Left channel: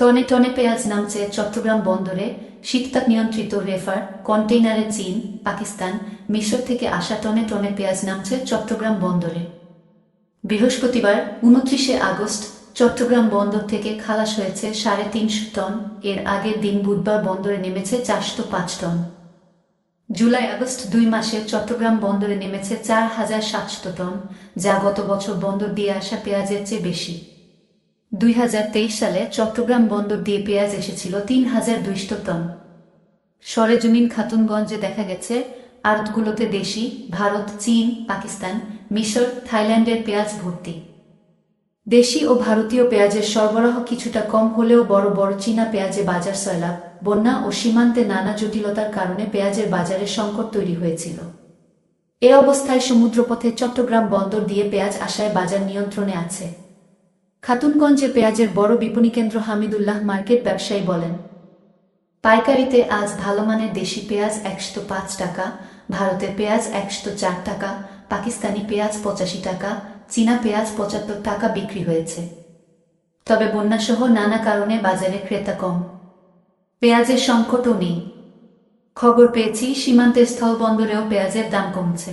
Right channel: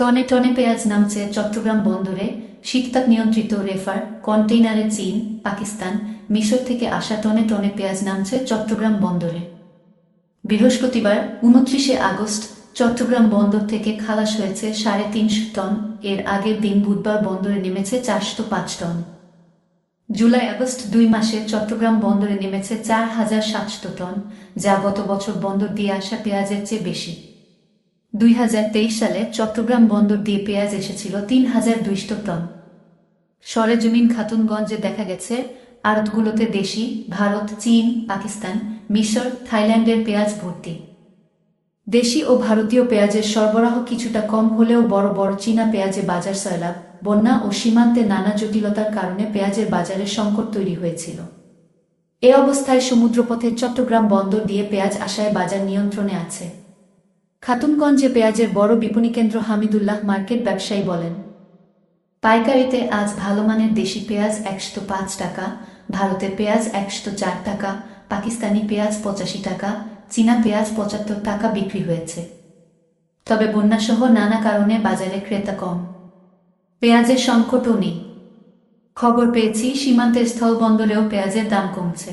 টনে টনে পেঁয়াজ নামছে চট্টগ্রাম বন্দরে। শীততাপ নিয়ন্ত্রিত রেফার কন্টেইনারে চীন, পাকিস্তান, মিশর থেকে আসা টনে টনে পেঁয়াজ নামছে চট্টগ্রাম বন্দরে। বৃহস্পতিবার 29শে আগস্ট চট্টগ্রাম বন্দর থেকে খালাস হয়েছে 350 টন। এর আগের দিন বুধবার বন্দরে নেমেছে 405 টন। জুলাই আগস্ট 2 মাসে চট্টগ্রাম বন্দরে নেমেছে 4700 টন, যা গত বছর বন্দর দিয়ে আসা পেঁয়াজের চেয়ে বেশি। 2023 সালে চট্টগ্রাম বন্দর দিয়ে পেঁয়াজ এসেছিল 3200 টন। সরেজমিন খাতুনগঞ্জে দেখা গেছে আড়তগুলোতে দেশি, ভারত, চীন, পাকিস্তান, মিশর, থাইল্যান্ডের পেঁয়াজ ভর্তি। দেশি ও ভারতীয় পেঁয়াজের সরবরাহ কিছুটা কম হলেও বড় বড় চীনা পেঁয়াজে বাজার সয়লাব, বন্যা ও সীমান্তে নানা জটিলতার কারণে পেঁয়াজের বাজারে সংকট তৈরি হয়েছিল। এ অবস্থায় সমুদ্রপথে চট্টগ্রাম বন্দর দিয়ে পেঁয়াজ আসায় বাজার নিয়ন্ত্রণে আছে। খাতুনগঞ্জে পেঁয়াজের বড় বিপণিকেন্দ্র হামিদুল্লাহ মার্কেট ব্যবসায়ী বলেন, পাইকারিতে আজ ভালো মানের দেশি পেঁয়াজ 105 টাকা, ভারতের পেঁয়াজ 104 টাকা, পাকিস্তানি পেঁয়াজ 85 টাকা, চীনা পেঁয়াজ 75 টাকা বিক্রি হয়েছে। তবে বন্যাসহ নানা কারণে বাজারে ক্রেতা কম। পেঁয়াজের সংকটও নেই। খবর পেয়েছি সীমান্তের স্থলবন্দরেও পেঁয়াজের দাম কমছে।